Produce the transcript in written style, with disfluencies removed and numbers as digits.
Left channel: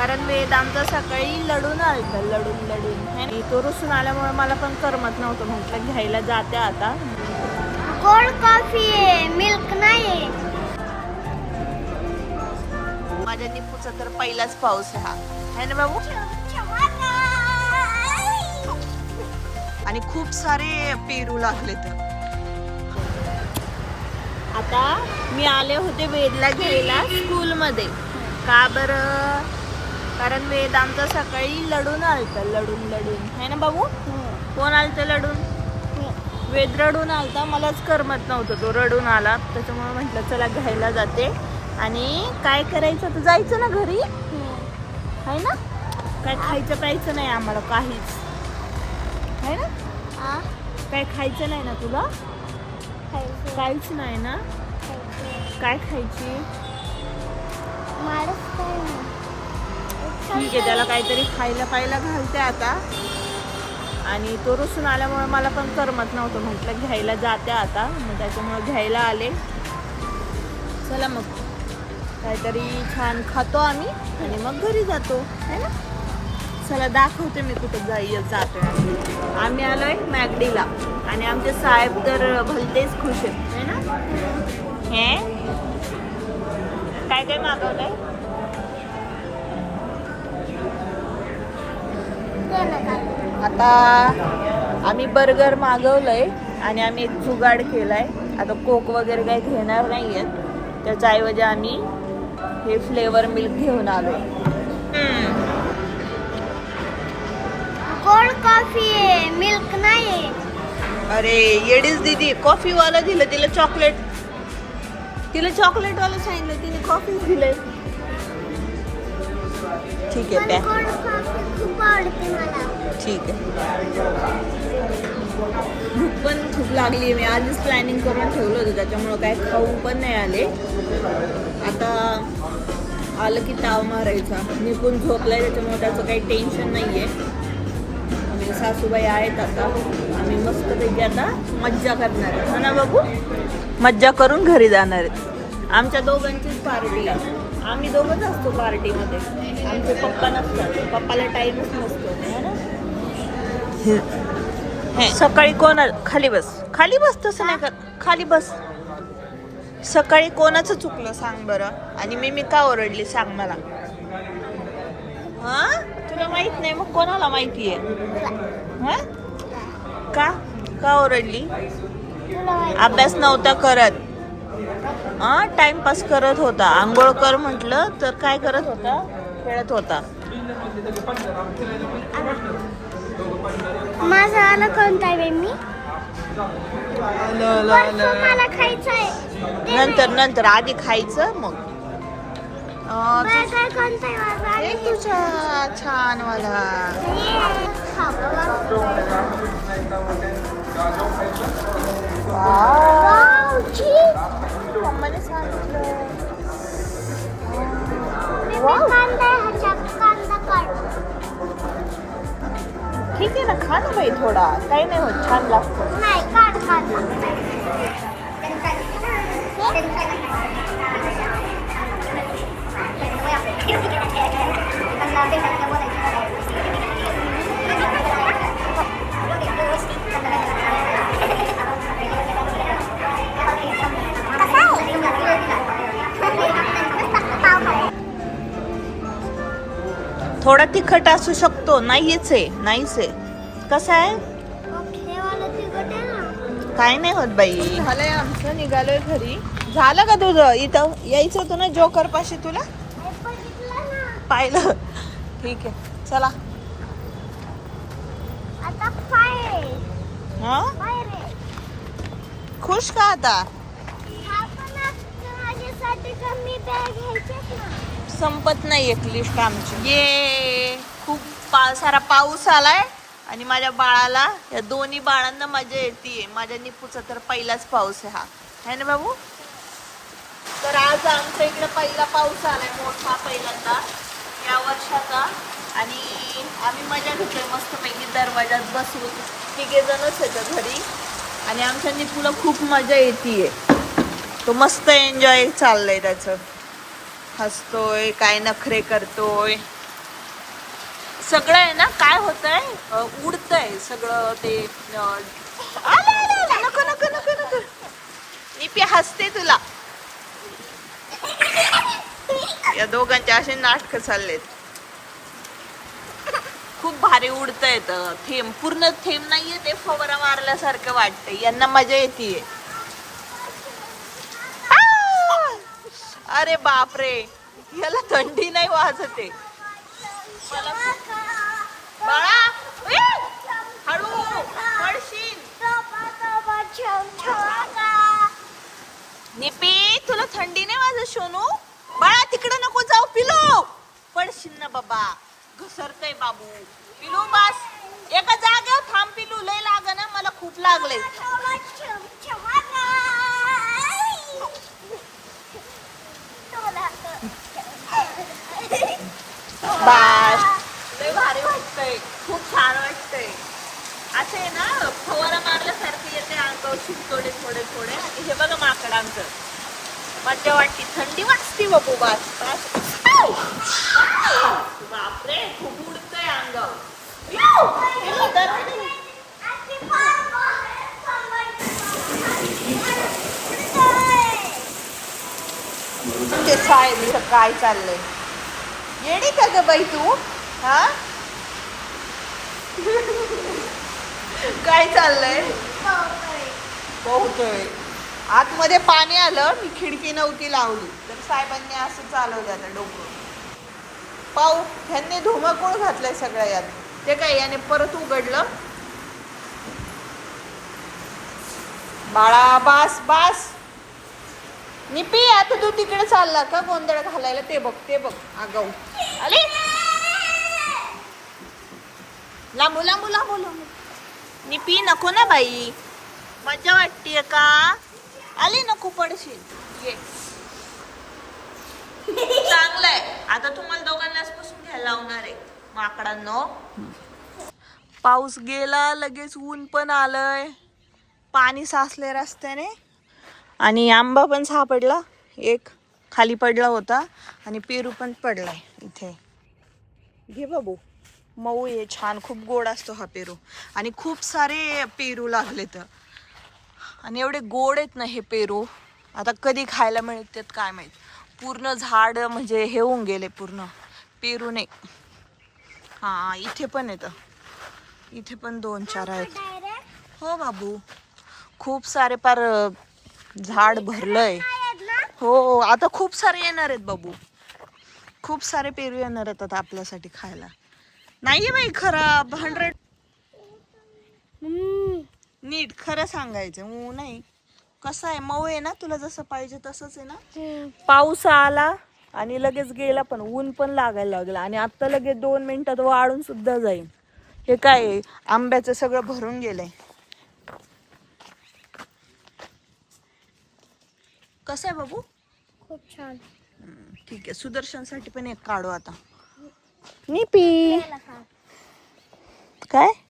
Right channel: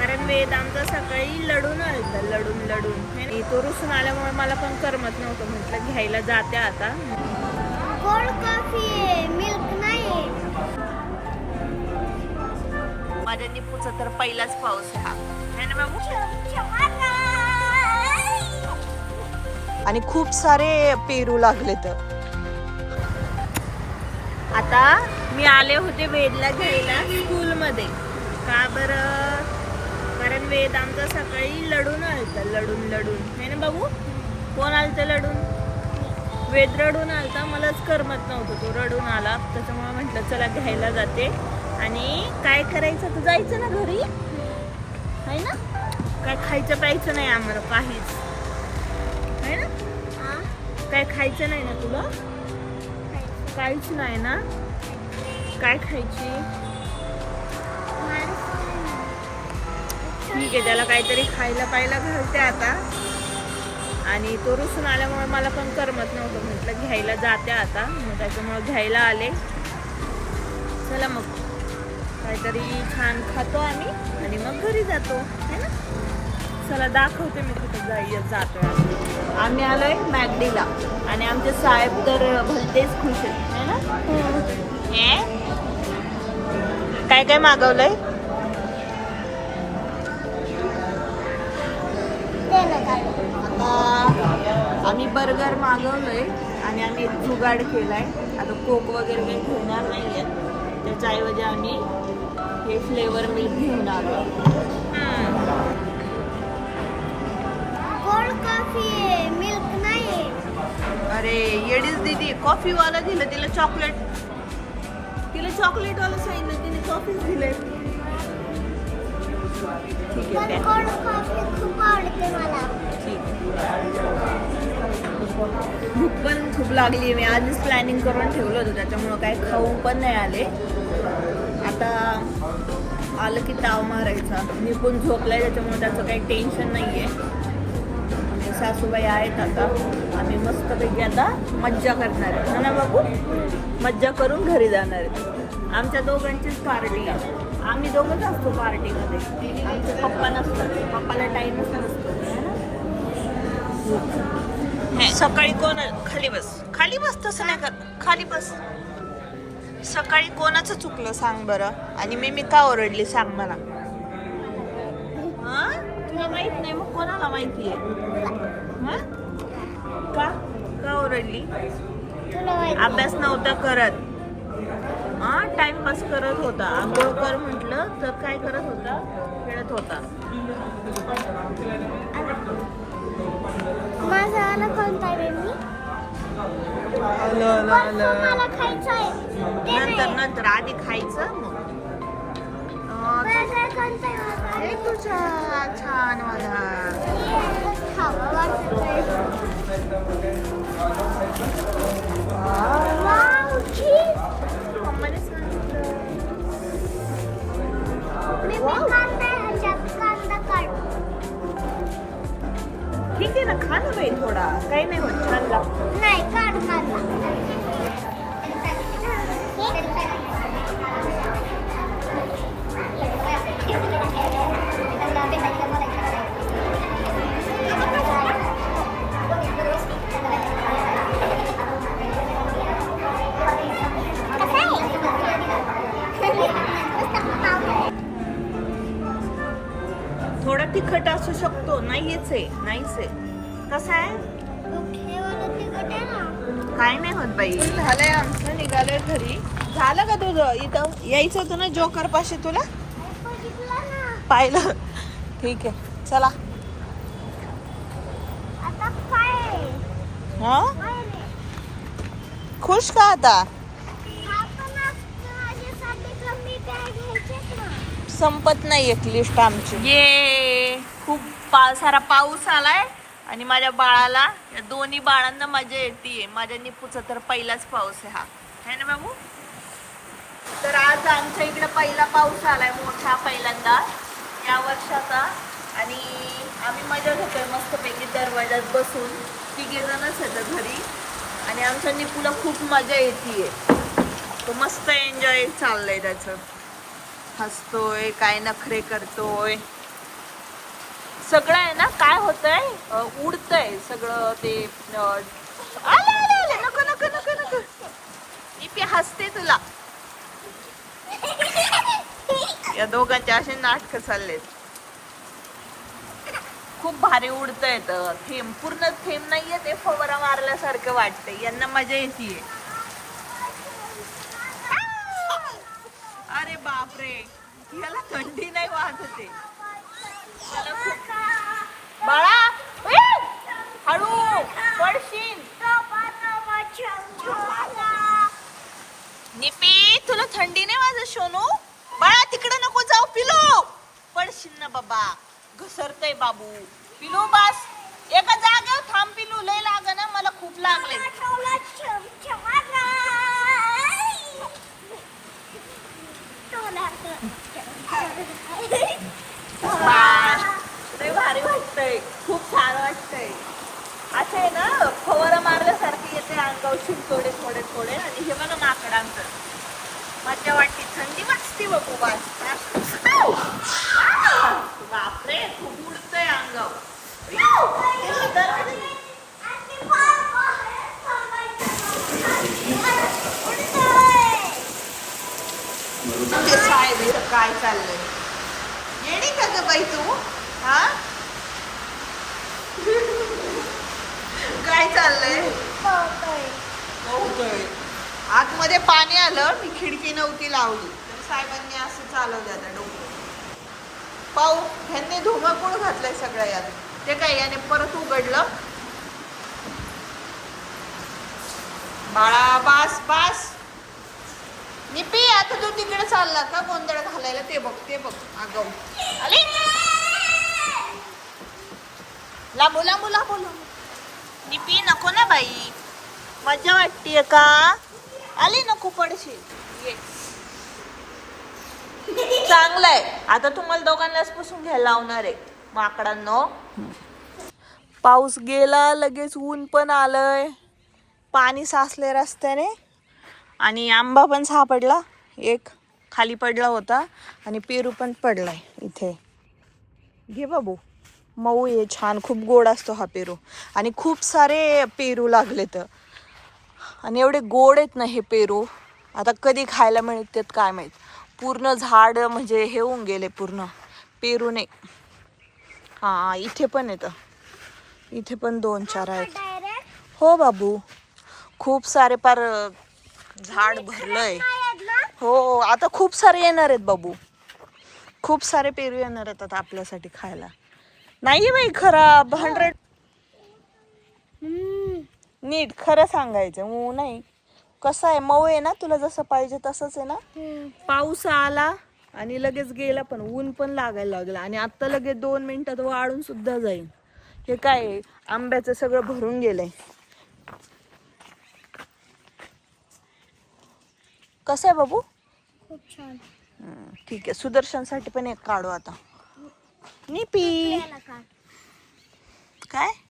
कारण वेद आमचं सकाळी लढून आलतं, लढून आणि तो रुसून आल्यामुळे मला पण करमत नव्हतं. म्हटलं घ्यायला जाते आता. गोड कॉफी आहे, मिल्क नाही. माझ्या निपूचा तर पहिलाच पाऊस आहे हा, है ना बाबू? आणि खूप सारे पेरू लागले. तर आता मी आले होते वेदला घ्यायला स्कूलमध्ये. का बरं? कारण वेद आमचं सकाळी लढून आलतं, लढून है ना बाबू? कोण आलतं लढून? वेद रडून आलता. मलाच करमत नव्हतं, तो रडून आला. त्याच्यामुळे म्हटलं चला घ्यायला जाते. आणि काय करायचं, तर जायचं ना घरी, है ना? काय खायचं प्यायचं नाही आम्हाला काहीच, है ना? काय खायचं नाही ना तुला? काहीच नाही ना? काय खायची? ठीक आहे, त्याला काहीतरी खायला पायला घालते आता. आणि तो रुसून आल्यामुळे मला पण करमत नव्हतं. म्हटलं घ्यायला जाते आता, मग त्याच्यामुळे घ्यायला आले. चला मग काहीतरी छान खातो आम्ही आणि मग घरी जातो, है ना? चला दाखवते मी कुठं जातोय. आम्ही आलोय मॅगडीला आणि आमचे साहेब तर भलतेच खुश आहेत, है ना? काय काय मागवलंय? आता आम्ही बर्गर मागवलंय आणि आम्ही एक जुगाड केलाय. आता कोक वगैरे काही घेणार नाहीये, त्याच्याऐवजी आम्ही हे फ्लेवर मिल्क घेऊन आलोय. गोड कॉफी आहे, मिल्क नाही. अरे येडीच दीदी, कॉफी वाला दिलं तिला चॉकलेट. तिला चॉकलेट वाला सांगितलं, तिने कॉफी दिलंय. ठीक आहे, गोड कॉफी खूप आवडते मला. ठीक आहे. भूक पण खूप लागली. मी आधीच प्लॅनिंग करून ठेवलं होतं, त्याच्यामुळं काय खाऊन पण नाही आले. आता आलं की ताव मारायचा. मी पण झोपलाय, त्याच्यामुळे त्याचं काही टेन्शन नाही आहे. आणि सासूबाई आहेत आता. आम्ही मस्तपैकी आता मज्जा करणार आहे, ना बाबू? मज्जा करून घरी जाणार आहेत. आमच्या दोघांचीच पार्टी आहे. आम्ही दोघंच असतो पार्टीमध्ये. आमचे पप्पा नसतात, पप्पाला टाईमच नसतो, है ना? सकाळी कोण खाली बस तसं नाही कर, खाली बस. सकाळी कोणाचं चुकलं सांग बरं? आणि मी का ओरडली सांग मला? हा, तुला माहित नाही मग कोणाला माहिती आहे? का ओरडली? अभ्यास नव्हता करत, टाइमपास करत होता. आंघोळ कर म्हटलं तर काय करत होता? खेळत होता. माझं आलं कोणता आहे मी? मला खायचंय. नंतर आधी खायचं मग. हे तुझा छान वाला. मम्माने सांगितलं. ठीक आहे ना, खा ना बाई थोडा, काही नाही होत, छान लागतो. नाही, काढ. थोडा तिखट असू शकतो. नाहीच आहे. कसं आहे? काय नाही होत बाई. झालंय आमचं, निघालोय घरी. झालं का तुझं? इथं यायचं होतं ना जोकर पाशी, तुला पाहिलं? ठीक आहे, चला. हा, खुश का आता? संपत नाही एक लिस्ट आमची. ये खूप सारा पाऊस आलाय आणि माझ्या बाळाला, या दोन्ही बाळांना मजा येते. माझ्या निपूचा तर पहिलाच पाऊस आहे हा, है ना बाबू? तर आज आमच्या इकडे पहिला पाऊस आलाय, मोठा, पहिल्यांदा या वर्षाचा. आणि आम्ही मजा घेतोय मस्तपैकी दरवाजात बसून. 3 जणच येतं घरी आणि आमच्या निपूला खूप मजा येते. तो मस्त एन्जॉय चाललंय त्याचं. हसतोय, काय नखरे करतोय. सगळं आहे ना काय होतंय उडतंय सगळं ते आले आले आले नको नको नको नको निपी हसते तुला या दोघांचे असे नाटक चाललेत खूप भारी उडतंय थेंब पूर्ण थेंब नाहीये ते फवारा मारल्यासारखं वाटतंय यांना मजा येते अरे बापरे याला थंडी नाही वाजते बाळा हळू पडशील निपी तुला थंडी नाही वाजत सोनू बाळा तिकडे नको जाऊ पिलो पडशील ना बाबा घसरतय बाबू पिलू बस एका जागेवर थांब पिलू लय लाग ना मला खूप लागले बस लय भारी वाटतंय खूप छान वाटतंय असे ना फवारा मारल्यासारखे येते अंगावर थोडे थोडे थोडे आणि हे बघा माकडांचं मज्जा वाटते थंडी वाजती बाबू बस बस बापरे खूप उडतंय अंगावर ते साहेब काय चाललंय येडी का ग बाई तू हा काय चाललंय पोहतोय आतमध्ये पाणी आलं मी खिडकी नव्हती लावली तर साहेबांनी असं चालवलं आता डोकं पाहू ह्यांनी धुमाकूळ घातलंय सगळ्या यात ते काय याने परत उघडलं बाळा बास बास निपी आता तू तिकडे चालला का गोंधळ घालायला ते बघ आगाऊ आली लांबू लांबू लांबू लांबू निपी नको ना बाई मजा वाटतीये का आली नको पडशील ये चांगलंय आता तुम्हाला दोघांनाच पुसून घ्यायला लावणार आहे माकडांनो पाऊस गेला लगेच ऊन पण आलंय पाणी साचले रस्त्याने आणि आंबा पण सापडला एक खाली पडला होता आणि पेरू पण पडलाय इथे घे बाबू मऊ आहे छान खूप गोड असतो हा पेरू आणि खूप सारे पेरू लागलेत आणि एवढे गोड आहेत ना हे पेरू आता कधी खायला मिळतात काय माहित पूर्ण झाड म्हणजे हे होऊन गेले पूर्ण पेरू नाही हा इथे पण येतं इथे पण 2-4 आहेत हो बाबू खूप सारे पार झाड भरलंय हो आता खूप सारे येणार आहेत बाबू खूप सारे पेरू येणार आहेत आता आपल्यासाठी खायला नाही बाई खराब 100 नीट खरं सांगायचं नाही कसं आहे मऊ आहे ना तुला जसं पाहिजे तसंच आहे ना पाऊस आला आणि लगेच गेला पण ऊन पण लागायला लागलं आणि आता लगेच 2 मिनिटात वाळून सुद्धा जाईल हे काय आंब्याचं सगळं भरून गेलंय कसं आहे बाबू खूप छान ठीक आहे सुदर्शनसाठी पण एक काढू आता निपी काय